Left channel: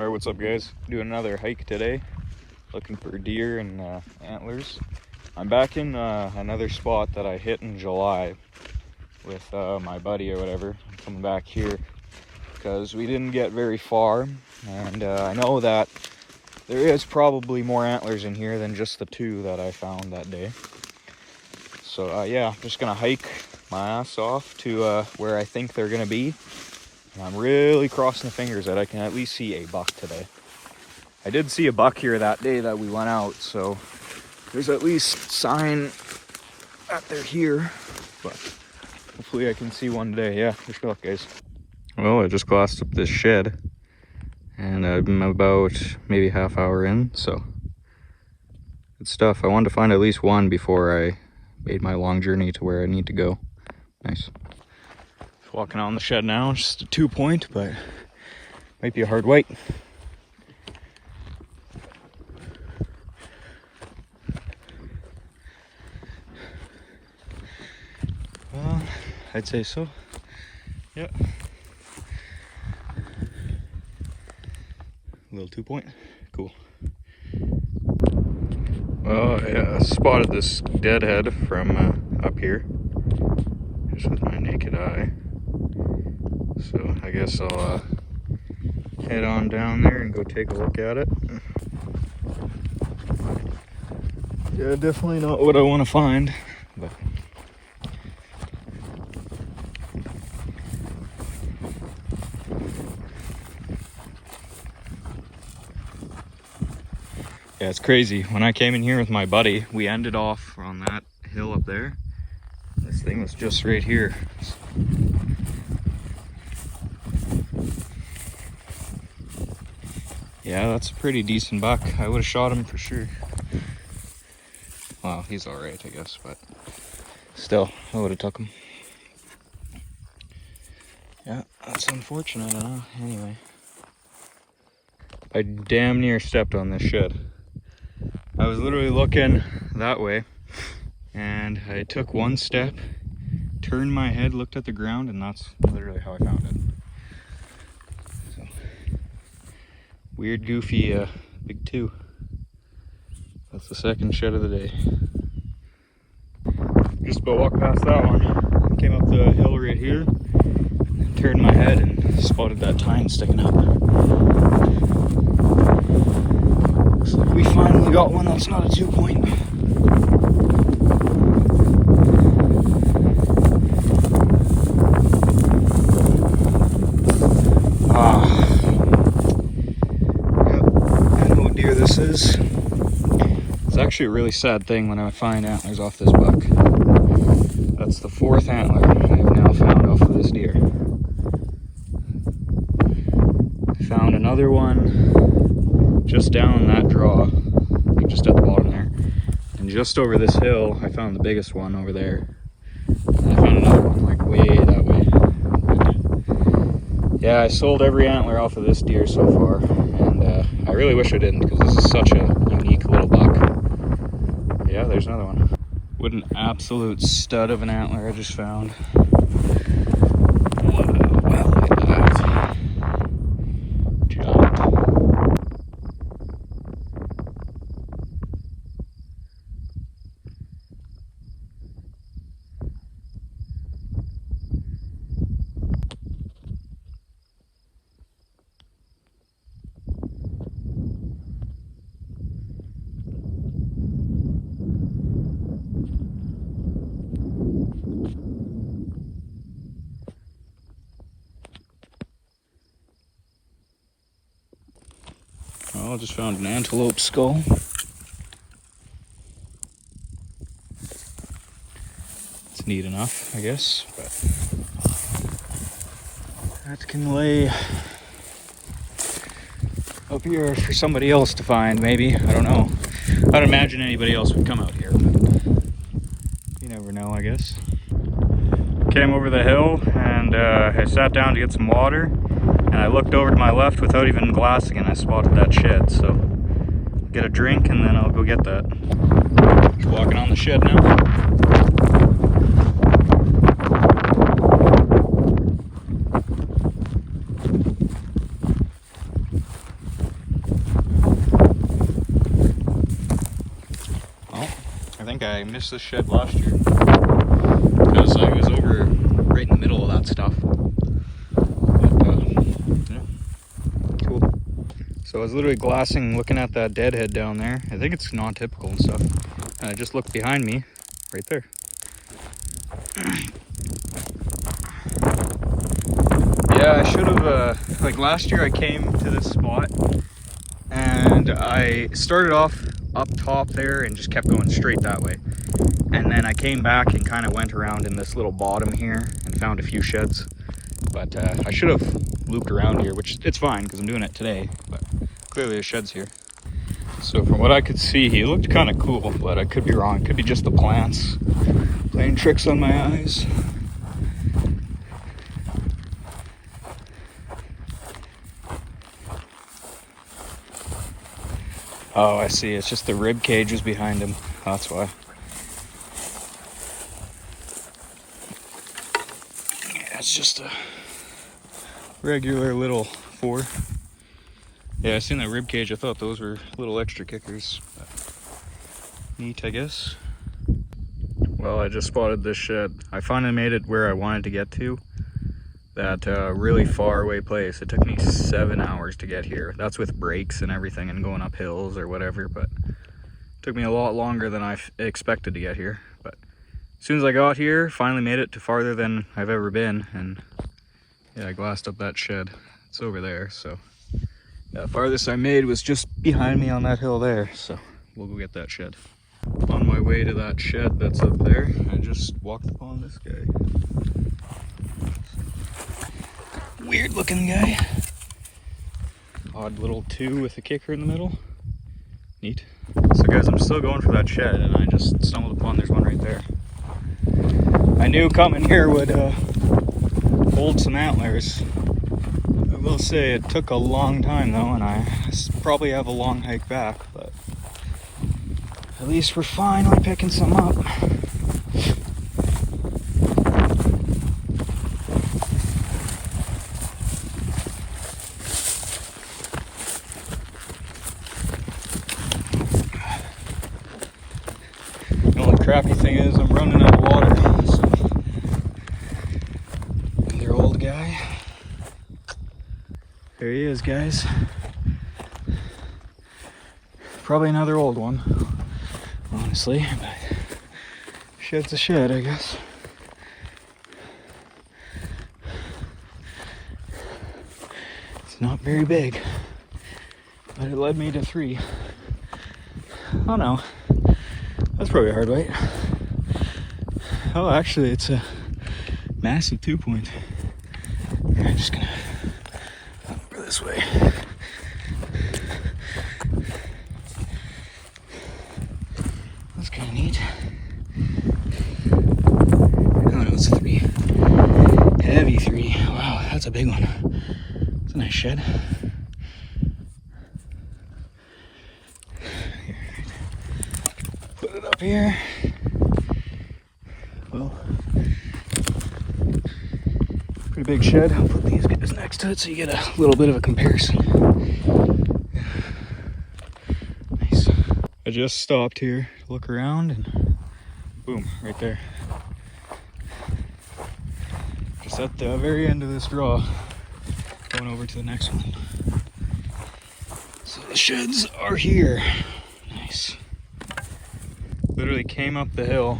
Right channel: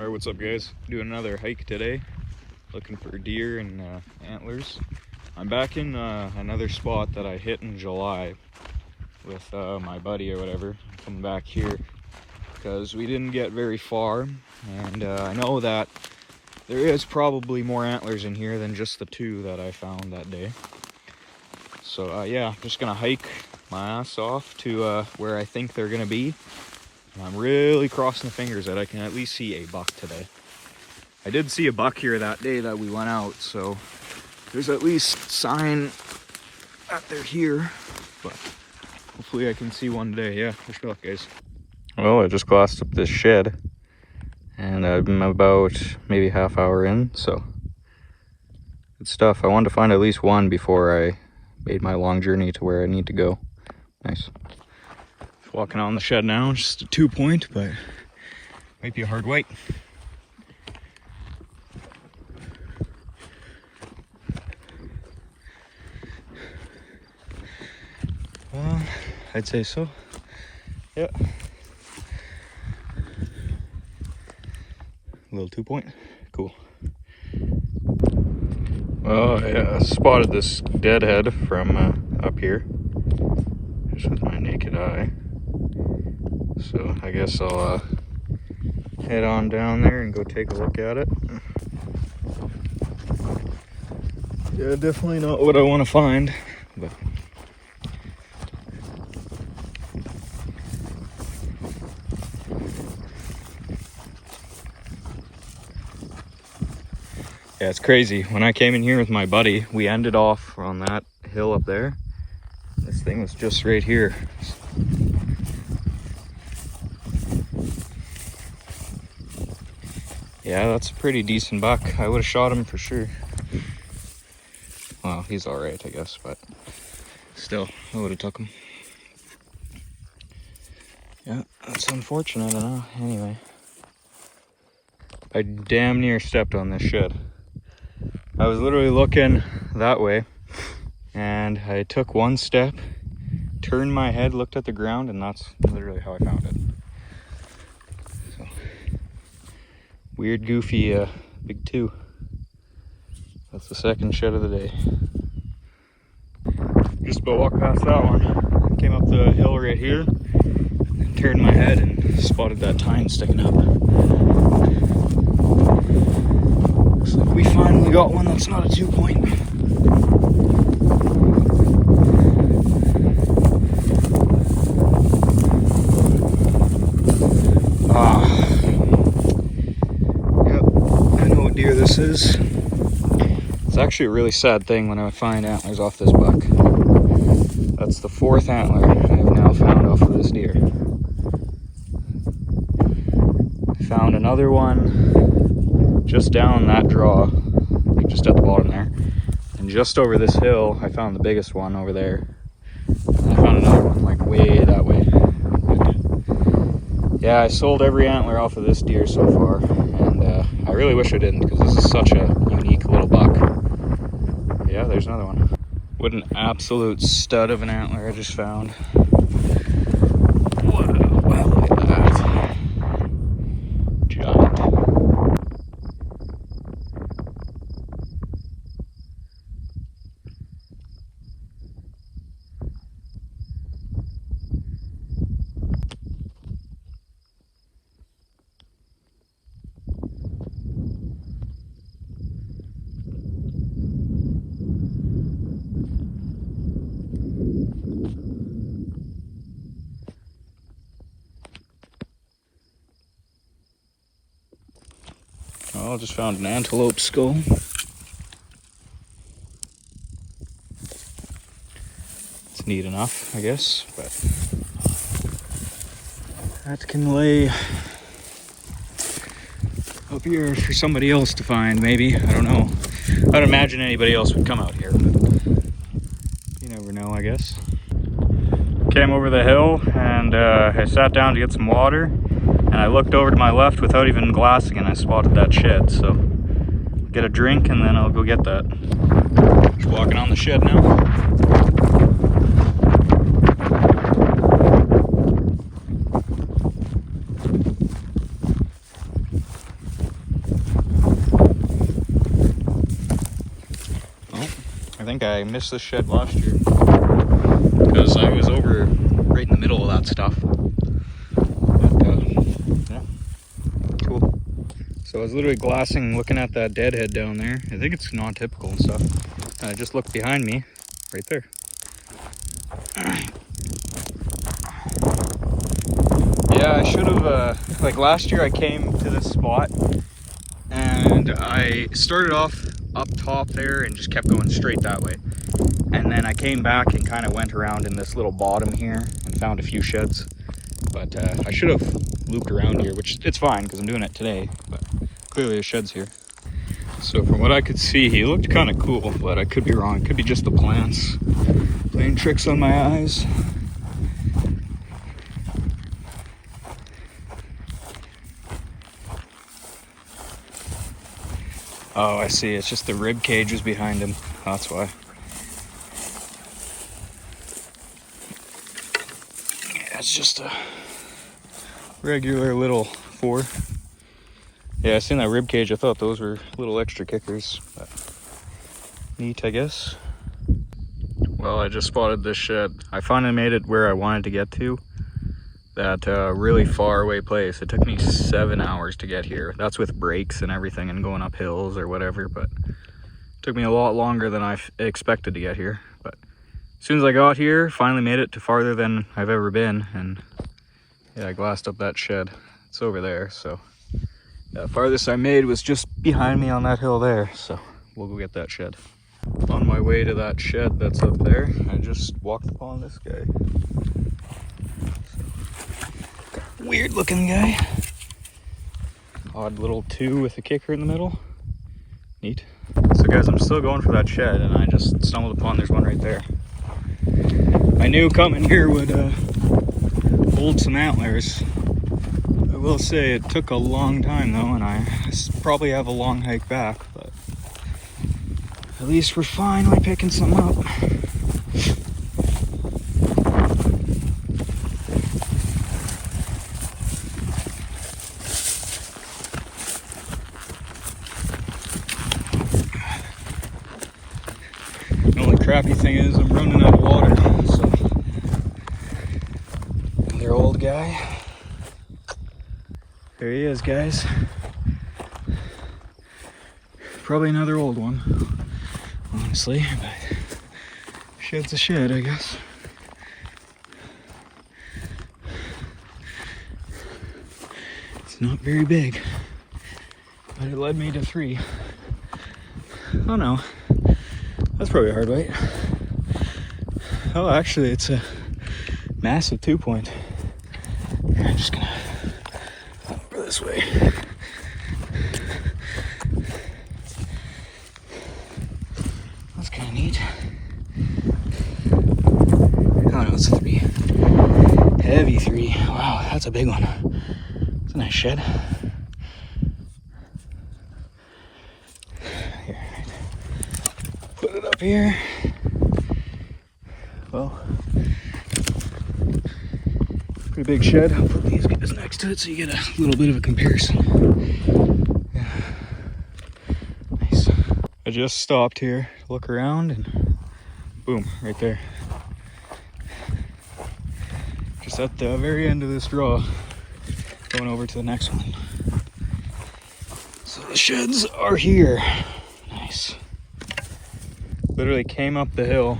Alright, what's up guys? Doing another hike today, looking for deer and antlers. I'm back in another spot that I hit in July with my buddy or whatever. I'm coming back here because we didn't get very far, and I know that there is probably more antlers in here than just the two that I found that day. So yeah, just gonna hike my ass off to where I think they're gonna be. And I'm really crossing the fingers that I can at least see a buck today. I did see a buck here that day that we went out, so there's at least sign that they're here, but hopefully I can see one today. Yeah, wish me luck, guys. Well, I just glassed up this shed, and I'm about maybe half hour in, so good stuff. I wanted to find at least one before I made my long journey to where I need to go. Nice. Walking on the shed now, just a 2-point, but might be a hard wait. I'd say so. Yeah. A little 2-point. Cool. Well, I spotted this deadhead from up here, just with my naked eye. So I guess I'll head on down there and go take a look at it. Yeah, definitely not what I want to find, but yeah, it's crazy. When I came in here with my buddy, we ended off on that hill up there. This thing was just right here. Yeah, that's a pretty decent buck. I would have shot him for sure. Well, he's alright, I guess, but still, I would have took him. Yeah, that's unfortunate, I know. Anyway, I damn near stepped on this shed. I was literally looking that way, and I took one step, turned my head, looked at the ground, and that's literally how I found it. So, weird, goofy, big two. That's the second shed of the day. Just about walked past that one. Came up the hill right here, turned my head, and spotted that tine sticking up. Looks like we finally got one that's not a 2-point. Yep, I know what deer this is. It's actually a really sad thing when I find antlers off this buck. That's the 4th antler I've now found off of this deer. I found another one just down that draw, like just at the bottom there. And just over this hill, I found the biggest one over there. And I found another one like way that way. Yeah, I sold every antler off of this deer so far, and I really wish I didn't, because this is such a unique little buck. Yeah, there's another one. What an absolute stud of an antler I just found. Wow, look at that. Giant. Well, I just found an antelope skull. It's neat enough, I guess, but that can lay up here for somebody else to find, maybe. I don't know. I'd imagine anybody else would come out here, but you never know, I guess. Came over the hill, and I sat down to get some water. And I looked over to my left without even glassing, and I spotted that shed. So I'll get a drink and then I'll go get that. Just walking on the shed now. finished this shed last year because I was over right in the middle of that stuff. But yeah, cool. So I was literally glassing, looking at that deadhead down there. I think it's non-typical and stuff. And I just looked behind me, right there. Yeah, I should have, like last year I came to this spot and I started off up top there and just kept going straight that way. And then I came back and kind of went around in this little bottom here and found a few sheds. But I should have looped around here, which it's fine because I'm doing it today, but clearly the shed's here. So from what I could see, he looked kind of cool, but I could be wrong. It could be just the plants playing tricks on my eyes. Oh, I see. It's just the rib cages behind him. That's why. Yeah, it's just a regular little 4. Yeah, I seen that rib cage. I thought those were little extra kickers. But neat, I guess. Well, I just spotted this shed. I finally made it where I wanted to get to. That really far away place. It took me 7 hours to get here. That's with brakes and everything and going up hills or whatever, but it took me a lot longer than I expected to get here. But as soon as I got here, finally made it to farther than I've ever been, and yeah, I glassed up that shed. It's over there, so yeah, the farthest I made was just behind me on that hill there, so we'll go get that shed. On my way to that shed that's up there, I just walked upon this guy. Weird looking guy. Odd little 2 with a kicker in the middle. Neat. So guys, I'm still going for that shed and I just stumbled upon, there's one right there. I knew coming here would hold some antlers. I will say it took a long time though, and I probably have a long hike back, but at least we're finally picking some up. Crappy thing is I'm running out of water, so another old guy. There he is, guys. Probably another old one, honestly, but shed's a shed, I guess. It's not very big, but it led me to 3. Oh no. That's probably a hard weight. Oh, actually, it's a massive 2-point. I'm just gonna go this way. That's kind of neat. Oh no, it's a 3. Heavy 3. Wow, that's a big one. It's a nice shed. Put it up here. Well, pretty big shed. I'll put these guys next to it so you get a little bit of a comparison. Yeah. Nice. I just stopped here, look around, and boom, right there. Just at the very end of this draw, going over to the next one. So the sheds are here. Nice. Literally came up the hill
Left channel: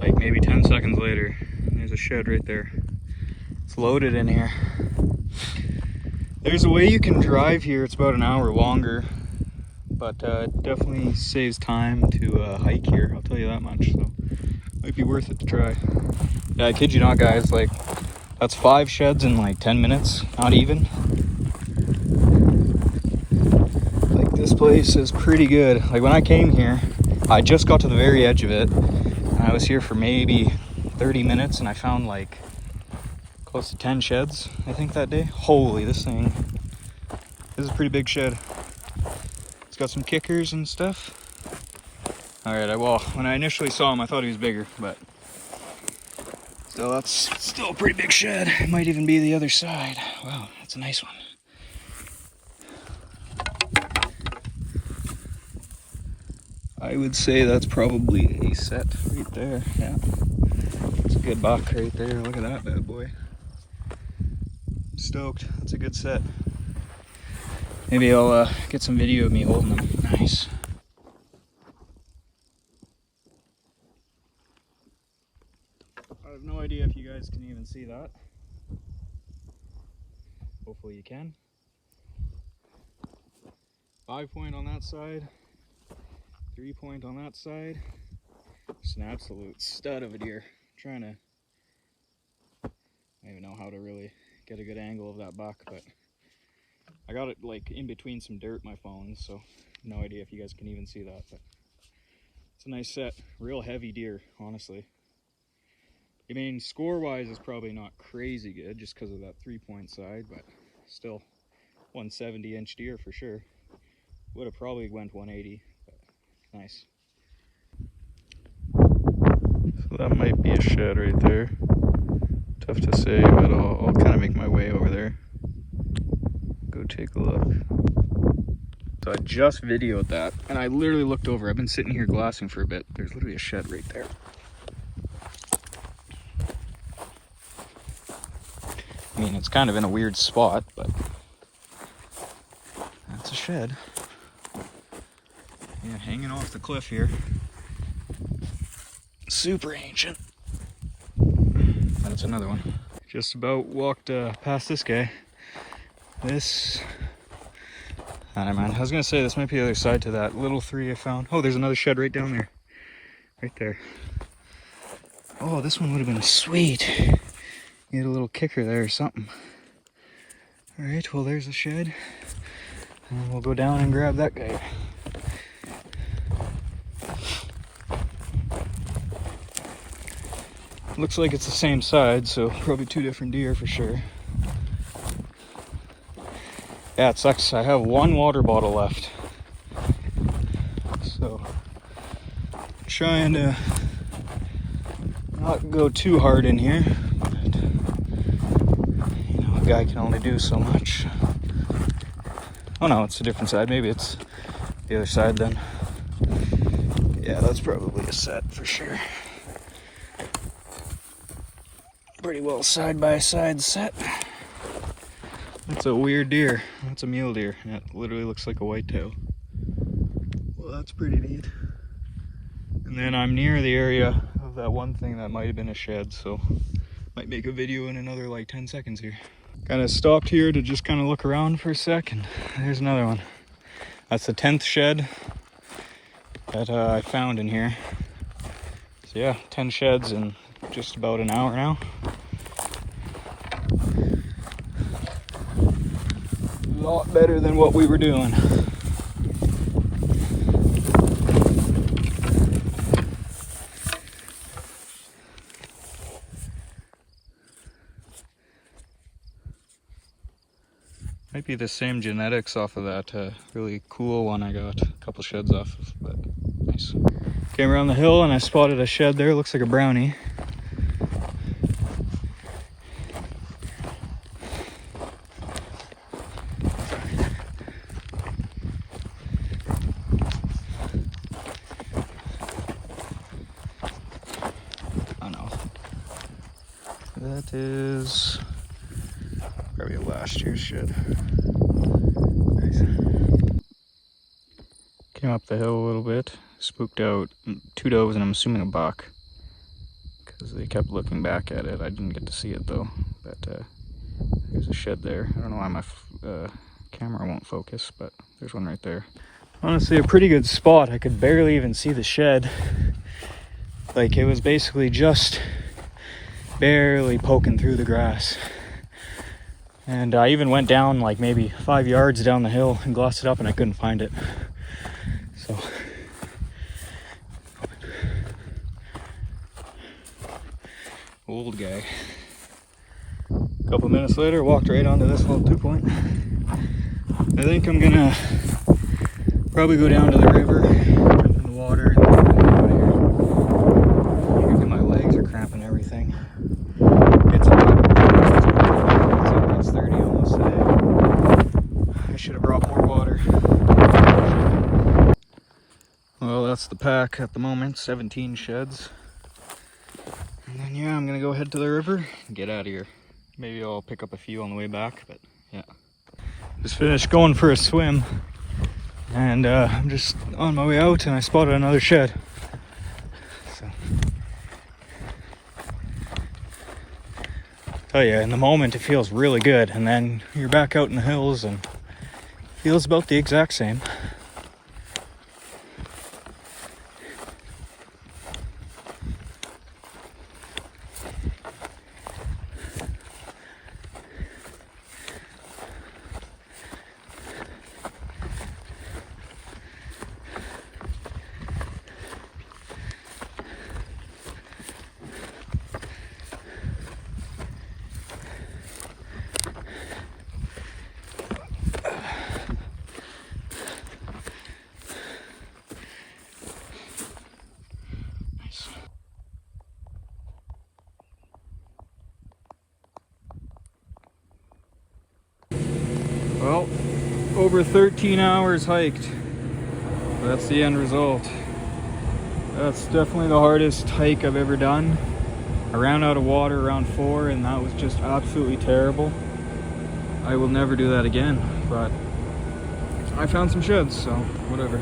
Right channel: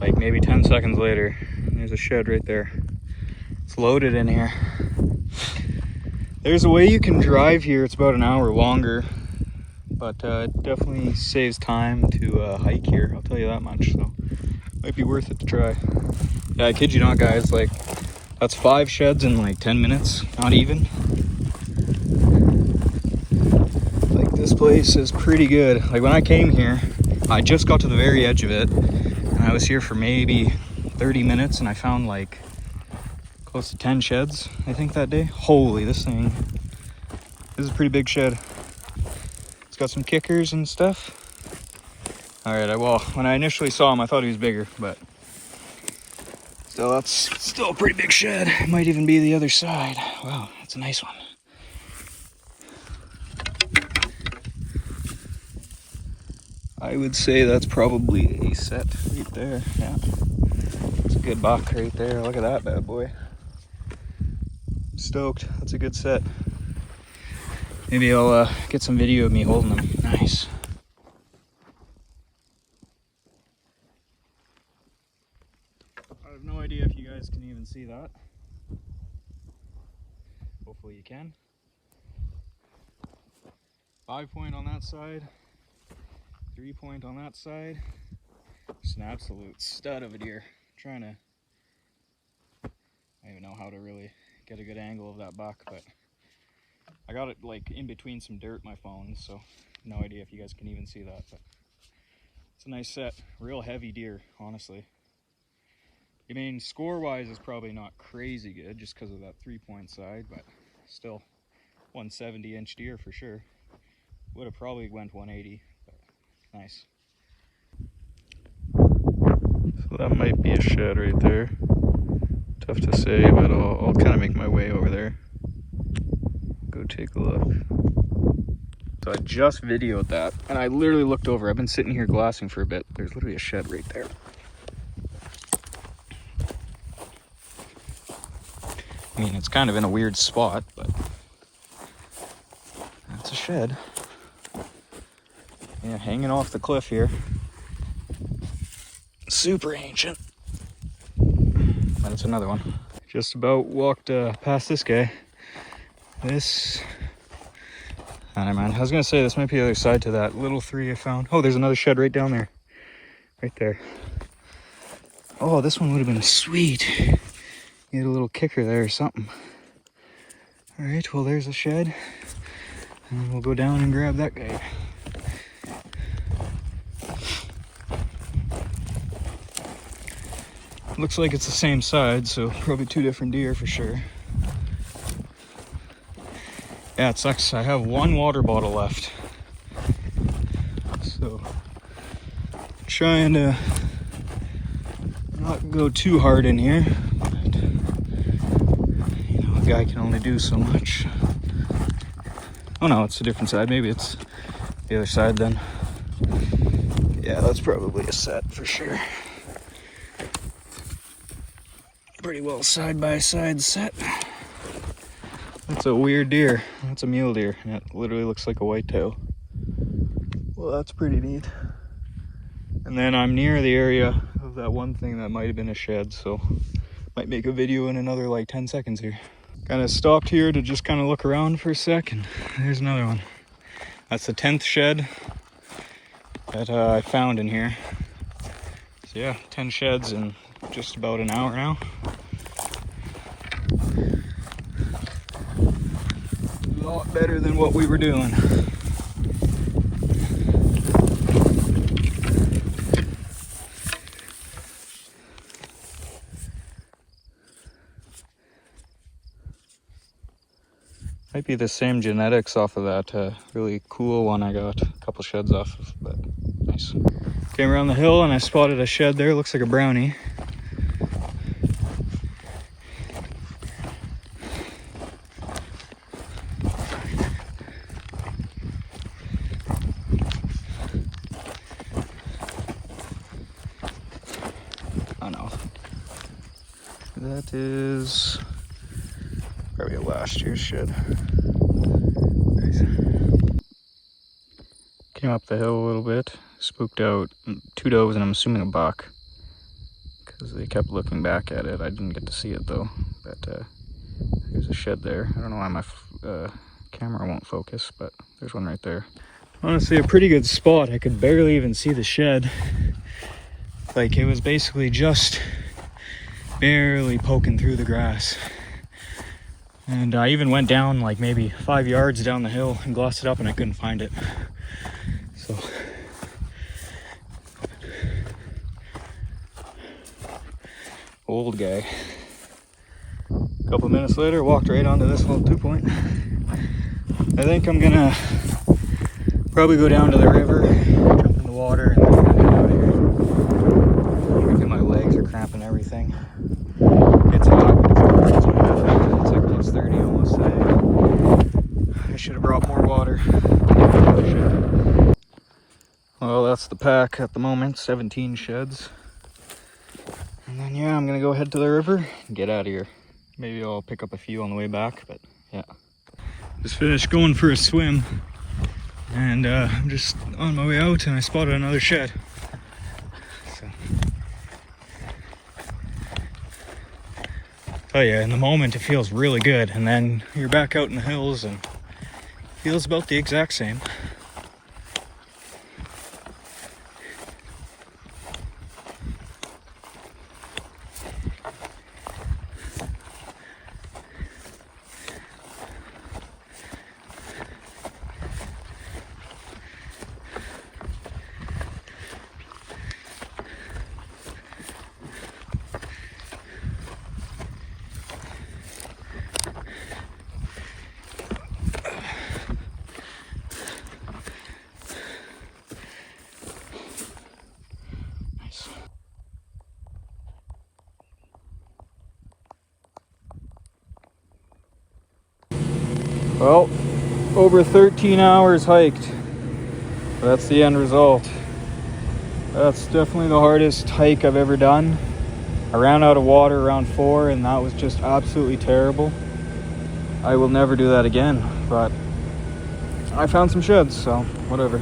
like maybe 10 seconds later. There's a shed right there. It's loaded in here. There's a way you can drive here. It's about an hour longer, but it definitely saves time to hike here. I'll tell you that much. So might be worth it to try. Yeah, I kid you not, guys. Like that's 5 sheds in like 10 minutes. Not even. Like this place is pretty good. Like when I came here, I just got to the very edge of it, and I was here for maybe 30 minutes, and I found like close to 10 sheds, I think, that day. Holy, this is a pretty big shed. It's got some kickers and stuff. All right, well, when I initially saw him, I thought he was bigger, but so that's still a pretty big shed. It might even be the other side. Wow, that's a nice one. I would say that's probably a set right there. Yeah, it's a good buck right there. Look at that bad boy. I'm stoked. That's a good set. Maybe I'll get some video of me holding them. Nice. I have no idea if you guys can even see that. Hopefully you can. 5-point on that side, 3-point on that side. Just an absolute stud of a deer. I don't even know how to really get a good angle of that buck, but I got it like in between some dirt, my phone, so no idea if you guys can even see that, but it's a nice set. Real heavy deer, honestly. I mean, score-wise is probably not crazy good just because of that 3-point side, but still 170-inch deer for sure. Would have probably went 180, but nice. So that might be a shed right there. Tough to say, but I'll kind of make my way over there. Go take a look. So I just videoed that, and I literally looked over. I've been sitting here glassing for a bit. There's literally a shed right there. I mean, it's kind of in a weird spot, but that's a shed. Yeah, hanging off the cliff here. Super ancient. That's another one. Just about walked past this guy. This, I don't know, man. I was gonna say this might be the other side to that little 3 I found. Oh, there's another shed right down there. Right there. Oh, this one would have been sweet. Need a little kicker there or something. All right, well, there's a shed. And we'll go down and grab that guy. Looks like it's the same side, so probably 2 different deer for sure. Yeah, it sucks. I have 1 water bottle left. So, trying to not go too hard in here. But, you know, a guy can only do so much. Oh no, it's a different side. Maybe it's the other side then. Yeah, that's probably a set for sure. Pretty well side by side set. That's a weird deer. That's a mule deer. It literally looks like a whitetail. Well, that's pretty neat. And then I'm near the area of that one thing that might have been a shed, so might make a video in another like 10 seconds here. Kind of stopped here to just kind of look around for a second. There's another one. That's the 10th shed that I found in here. So yeah, 10 sheds in just about an hour now. A lot better than what we were doing. Might be the same genetics off of that really cool one I got a couple sheds off of, but nice. Came around the hill and I spotted a shed there. Looks like a brownie. Oh no. That is probably a last year's shed. Nice. Came up the hill a little bit, spooked out 2 does and I'm assuming a buck because they kept looking back at it. I didn't get to see it though, but there's a shed there. I don't know why my camera won't focus, but there's one right there. Honestly, a pretty good spot. I could barely even see the shed. Like, it was basically just barely poking through the grass. And I even went down like maybe 5 yards down the hill and glossed it up and I couldn't find it. So, old guy. A couple minutes later, walked right onto this little 2-point. I think I'm gonna probably go down to the river, jump in the water, and then get out of here. My legs are cramping everything. It's hot. It's 30 almost today. I should have brought more water. Well, that's the pack at the moment, 17 sheds. And then yeah, I'm gonna go head to the river and get out of here. Maybe I'll pick up a few on the way back, but yeah. Just finished going for a swim, and I'm just on my way out and I spotted another shed. So, tell you, in the moment it feels really good, and then you're back out in the hills and it feels about the exact same. Well, over 13 hours hiked. That's the end result. That's definitely the hardest hike I've ever done. I ran out of water around 4 and that was just absolutely terrible. I will never do that again, but I found some sheds, so whatever.